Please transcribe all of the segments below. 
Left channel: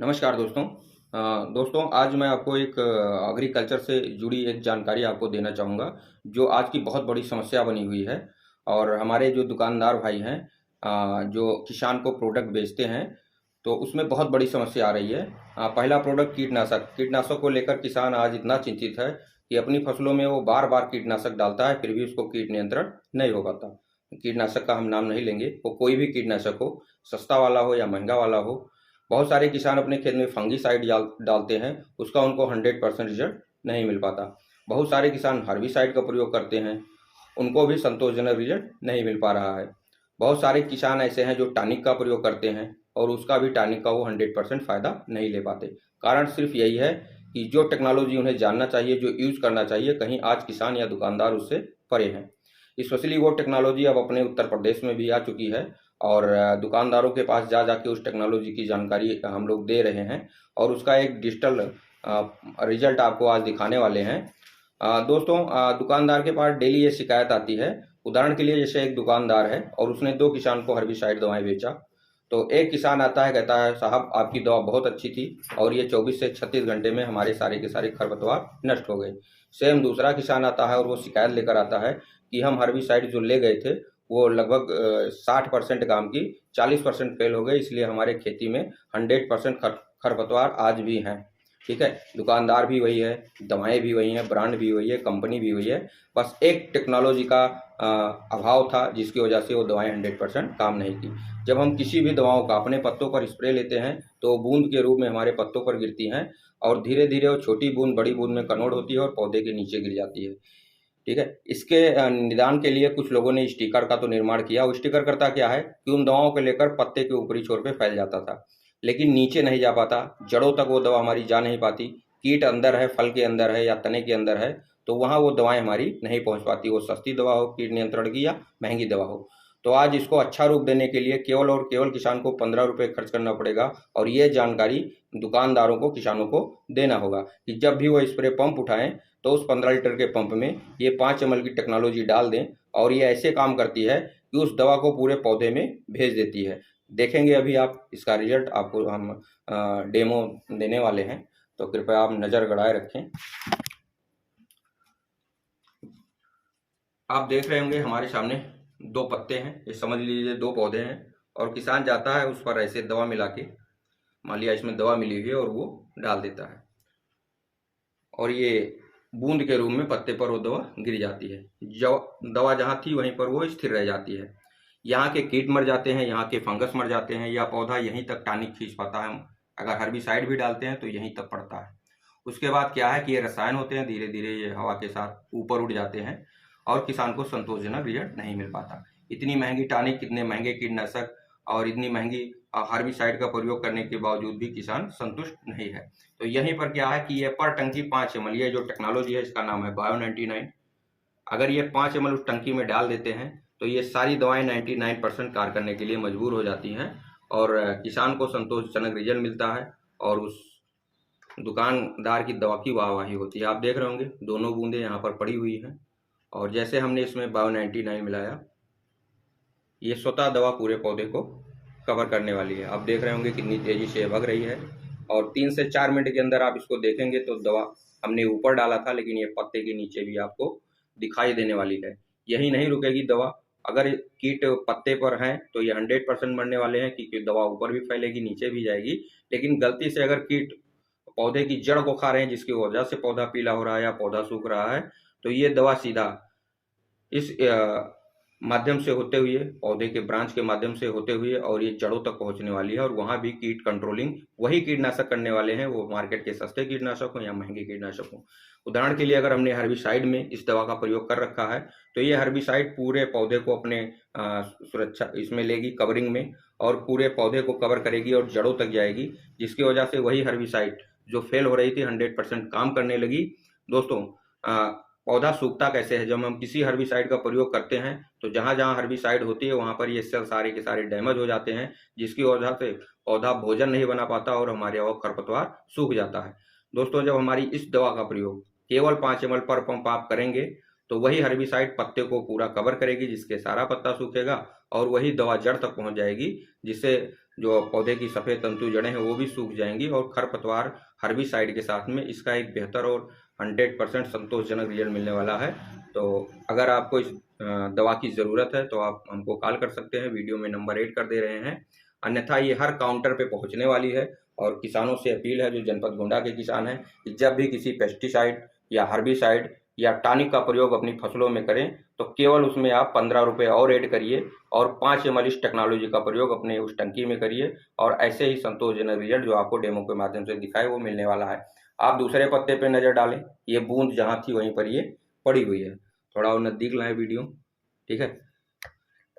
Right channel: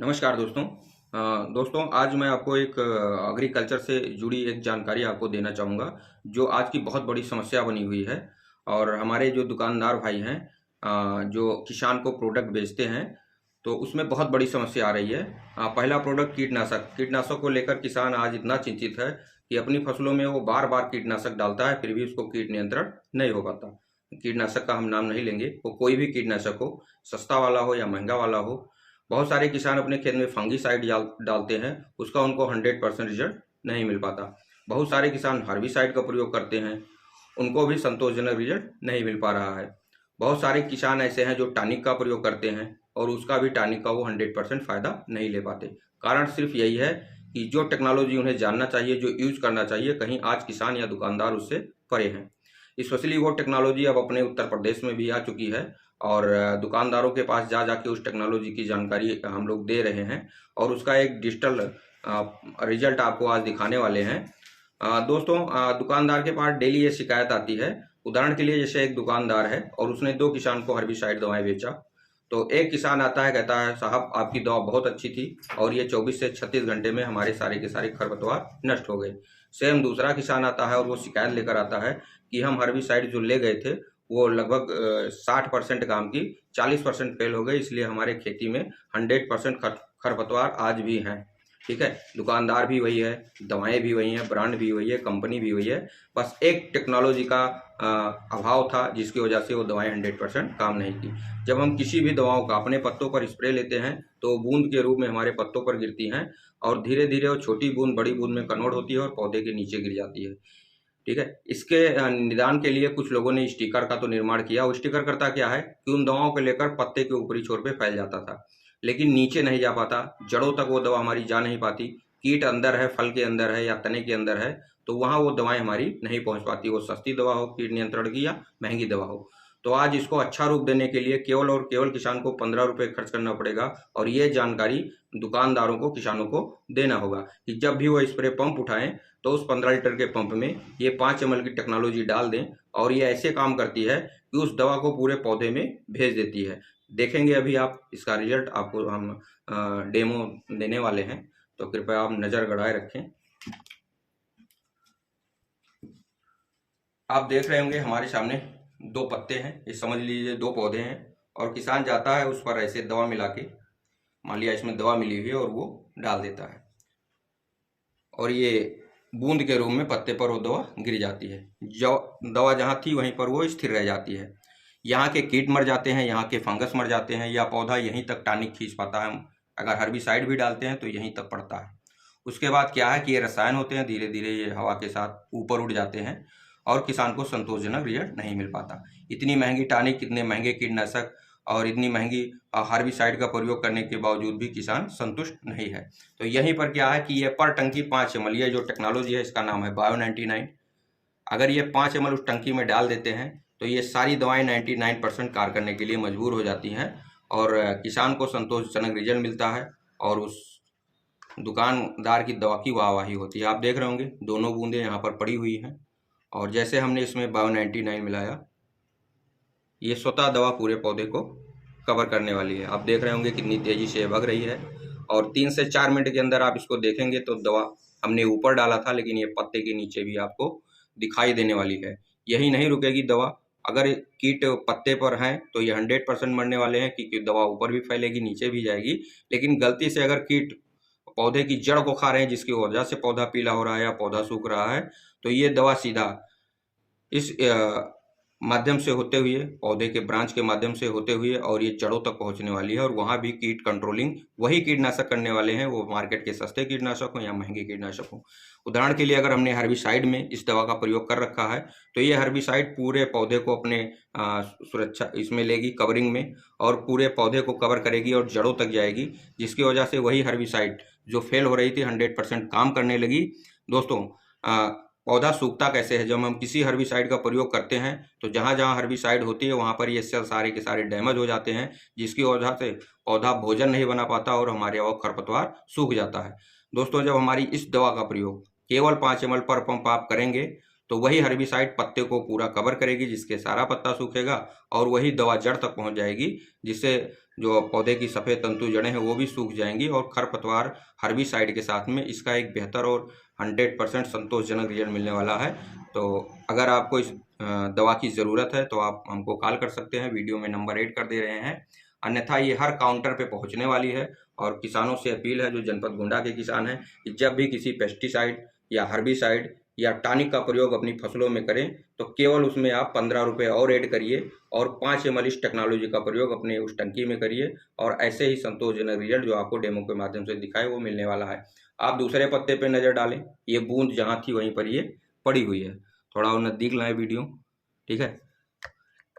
नमस्कार दोस्तों। दोस्तों आज मैं आपको एक एग्रीकल्चर से जुड़ी एक जानकारी आपको देना चाहूँगा, जो आज की बहुत बड़ी समस्या बनी हुई है। और हमारे जो दुकानदार भाई हैं, जो किसान को प्रोडक्ट बेचते हैं, तो उसमें बहुत बड़ी समस्या आ रही है। पहला प्रोडक्ट कीटनाशक। कीटनाशक को लेकर किसान आज इतना चिंतित है कि अपनी फसलों में वो बार-बार कीटनाशक डालता है, फिर भी उसको कीट नियंत्रण नहीं हो पाता। कीटनाशक का हम नाम नहीं लेंगे, वो कोई भी कीटनाशक हो, सस्ता वाला हो या महँगा वाला हो। बहुत सारे किसान अपने खेत में फंगीसाइड डालते हैं, उसका उनको 100% रिजल्ट नहीं मिल पाता। बहुत सारे किसान हर्बिसाइड का प्रयोग करते हैं, उनको भी संतोषजनक रिजल्ट नहीं मिल पा रहा है। बहुत सारे किसान ऐसे हैं जो टॉनिक का प्रयोग करते हैं और उसका भी टॉनिक का वो 100% फ़ायदा नहीं ले पाते। कारण सिर्फ यही है कि जो टेक्नोलॉजी उन्हें जानना चाहिए, जो यूज़ करना चाहिए, कहीं आज किसान या दुकानदार उससे परे हैं। स्पेशली वो टेक्नोलॉजी अब अपने उत्तर प्रदेश में भी आ चुकी है और दुकानदारों के पास जा जाके उस टेक्नोलॉजी की जानकारी हम लोग दे रहे हैं और उसका एक डिजिटल रिजल्ट आपको आज दिखाने वाले हैं। दोस्तों, दुकानदार के पास डेली ये शिकायत आती है। उदाहरण के लिए जैसे एक दुकानदार है और उसने 2 किसान को हर्बिसाइड दवाएँ बेचा। तो एक किसान आता है, कहता है साहब आपकी दवा बहुत अच्छी थी और ये 24 से 36 घंटे में हमारे सारे के सारे खरपतवार नष्ट हो गए। सेम दूसरा किसान आता है और वो शिकायत लेकर आता है कि हम हर्बिसाइड जो ले गए थे वो लगभग 60% काम की, 40% फेल हो गए, इसलिए हमारे खेती में 100% खरपतवार आज भी हैं। ठीक है? दुकानदार भी वही है, दवाएँ भी वही हैं, ब्रांड भी वही है, कंपनी भी वही है। बस एक टेक्नोलॉजी का अभाव था जिसकी वजह से वो दवाएँ 100% काम नहीं की। जब हम किसी भी दवाओं का अपने पत्तों पर स्प्रे लेते हैं तो बूंद के रूप में हमारे पत्तों पर गिरती हैं और धीरे-धीरे वो छोटी बूंद बड़ी बूंद में कन्वर्ट होती है और पौधे के नीचे गिर जाती है। ठीक है? इसके निदान के लिए कुछ लोगों ने स्टिकर का तो निर्माण किया। वो स्टिकर करता क्या है कि उन दवाओं को लेकर पत्ते के ऊपरी छोर पे फैल जाता था, लेकिन नीचे नहीं जा पाता, जड़ों तक वो दवा हमारी जा नहीं पाती। कीट अंदर है, फल के अंदर है या तने के अंदर है, तो वहाँ वो दवाएँ हमारी नहीं पहुँच पाती। वो सस्ती दवा हो कीट नियंत्रण की या महँगी दवा हो। तो आज इसको अच्छा रूप देने के लिए केवल और केवल किसान को ₹15 खर्च करना पड़ेगा और ये जानकारी दुकानदारों को, किसानों को देना होगा कि जब भी वो स्प्रे पंप उठाएँ तो उस 15 लीटर के पंप में ये 5 ml की टेक्नोलॉजी डाल दें और ये ऐसे काम करती है कि उस दवा को पूरे पौधे में भेज देती है। देखेंगे अभी आप इसका रिजल्ट, आपको हम डेमो देने वाले हैं, तो कृपया आप नज़र गड़ाए रखें। आप देख रहे होंगे हमारे सामने 2 पत्ते हैं, ये समझ लीजिए 2 पौधे हैं और किसान जाता है उस पर ऐसे दवा मिला के, मान लिया इसमें दवा मिली हुई है और वो डाल देता है और ये बूंद के रूप में पत्ते पर वो दवा गिर जाती है। जो दवा जहाँ थी वहीं पर वो स्थिर रह जाती है। यहाँ के कीट मर जाते हैं, यहाँ के फंगस मर जाते हैं या पौधा यहीं तक टॉनिक खींच पाता है। अगर हर्बिसाइड भी डालते हैं तो यहीं तक पड़ता है। उसके बाद क्या है कि ये रसायन होते हैं, धीरे धीरे ये हवा के साथ ऊपर उड़ जाते हैं और किसान को संतोषजनक रिजल्ट नहीं मिल पाता। इतनी महंगी टॉनिक, इतने महंगे कीटनाशक और इतनी महंगी हार्बिसाइड का प्रयोग करने के बावजूद भी किसान संतुष्ट नहीं है। तो यहीं पर क्या है कि ये पर टंकी 5 ml, ये जो टेक्नोलॉजी है इसका नाम है बायो 99। अगर ये 5 ml उस टंकी में डाल देते हैं तो ये सारी दवाएं 99% कार्य करने के लिए मजबूर हो जाती हैं और किसान को संतोषजनक रिजल्ट मिलता है और उस दुकानदार की दवा की वाहवाही होती है। आप देख रहे होंगे दोनों बूंदें यहाँ पर पड़ी हुई हैं और जैसे हमने इसमें बायो 99 मिलाया, ये स्वतः दवा पूरे पौधे को कवर करने वाली है। आप देख रहे होंगे कितनी तेज़ी से भग रही है और 3 से 4 मिनट के अंदर आप इसको देखेंगे तो दवा हमने ऊपर डाला था, लेकिन ये पत्ते के नीचे भी आपको दिखाई देने वाली है। यही नहीं रुकेगी दवा, अगर कीट पत्ते पर हैं तो ये 100% मरने वाले हैं क्योंकि दवा ऊपर भी फैलेगी, नीचे भी जाएगी। लेकिन गलती से अगर कीट पौधे की जड़ को खा रहे हैं जिसकी वजह से पौधा पीला हो रहा है या पौधा सूख रहा है, तो ये दवा सीधा इस माध्यम से होते हुए, पौधे के ब्रांच के माध्यम से होते हुए और ये जड़ों तक पहुंचने वाली है और वहाँ भी कीट कंट्रोलिंग वही कीटनाशक करने वाले हैं, वो मार्केट के सस्ते कीटनाशक हों या महंगे कीटनाशक हों। उदाहरण के लिए अगर हमने हर्बिसाइड में इस दवा का प्रयोग कर रखा है तो ये हर्बिसाइड पूरे पौधे को अपने सुरक्षा इसमें लेगी, कवरिंग में, और पूरे पौधे को कवर करेगी और जड़ों तक जाएगी, जिसकी वजह से वही हर्बिसाइड जो फेल हो रही थी 100% काम करने लगी। दोस्तों, पौधा सूखता कैसे है? जब हम किसी हर्बिसाइड का प्रयोग करते हैं तो जहाँ-जहाँ हर्बिसाइड होती है वहाँ पर ये सेल सारे के सारे डैमेज हो जाते हैं, जिसकी वजह से पौधा भोजन नहीं बना पाता और हमारे और खरपतवार सूख जाता है। दोस्तों, जब हमारी इस दवा का प्रयोग केवल 5 ml पर पंप आप करेंगे तो वही हर्बिसाइड पत्ते को पूरा कवर करेगी, जिसके सारा पत्ता सूखेगा और वही दवा जड़ तक पहुँच जाएगी, जिससे जो पौधे की सफ़ेद तंतु जड़ें हैं वो भी सूख जाएंगी और खरपतवार हर्बिसाइड के साथ में इसका एक बेहतर और 100% संतोषजनक रिजल्ट मिलने वाला है। तो अगर आपको इस दवा की ज़रूरत है तो आप हमको कॉल कर सकते हैं, वीडियो में नंबर ऐड कर दे रहे हैं। अन्यथा ये हर काउंटर पे पहुंचने वाली है और किसानों से अपील है, जो जनपद गोंडा के किसान हैं, कि जब भी किसी पेस्टिसाइड या हर्बिसाइड या टॉनिक का प्रयोग अपनी फसलों में करें तो केवल उसमें आप 15 रुपये और ऐड करिए और 5 ml इस टेक्नोलॉजी का प्रयोग अपने उस टंकी में करिए और ऐसे ही संतोषजनक रिजल्ट जो आपको डेमो के माध्यम से दिखाए वो मिलने वाला है। आप दूसरे पत्ते पे नज़र डालें, ये बूंद जहाँ थी वहीं पर ये पड़ी हुई है। थोड़ा और नज़दीक लाएं वीडियो, ठीक है।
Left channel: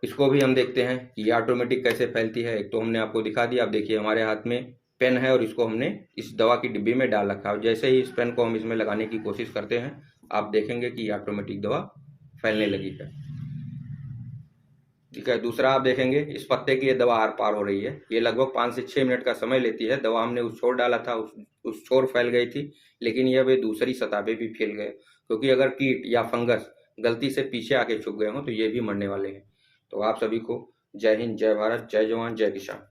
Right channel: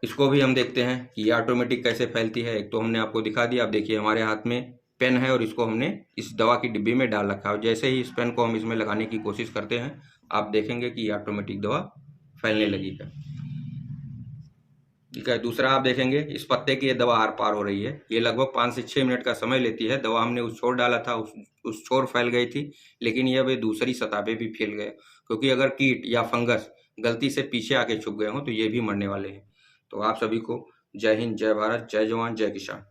इसको भी हम देखते हैं कि ये ऑटोमेटिक कैसे फैलती है। एक तो हमने आपको दिखा दिया, आप देखिए हमारे हाथ में पेन है और इसको हमने इस दवा की डिब्बी में डाल रखा है। जैसे ही इस पेन को हम इसमें लगाने की कोशिश करते हैं, आप देखेंगे कि ऑटोमेटिक दवा फैलने लगी है, ठीक है। दूसरा आप देखेंगे इस पत्ते की ये दवा आर पार हो रही है। ये लगभग 5 से 6 मिनट का समय लेती है। दवा हमने उस छोर डाला था, उस छोर फैल गई थी, लेकिन ये अब दूसरी सतह पे भी फैल गए, क्योंकि अगर कीट या फंगस गलती से पीछे आके छुप गए हों तो ये भी मरने वाले हैं। तो आप सभी को जय हिंद, जय भारत, जय जवान, जय किसान।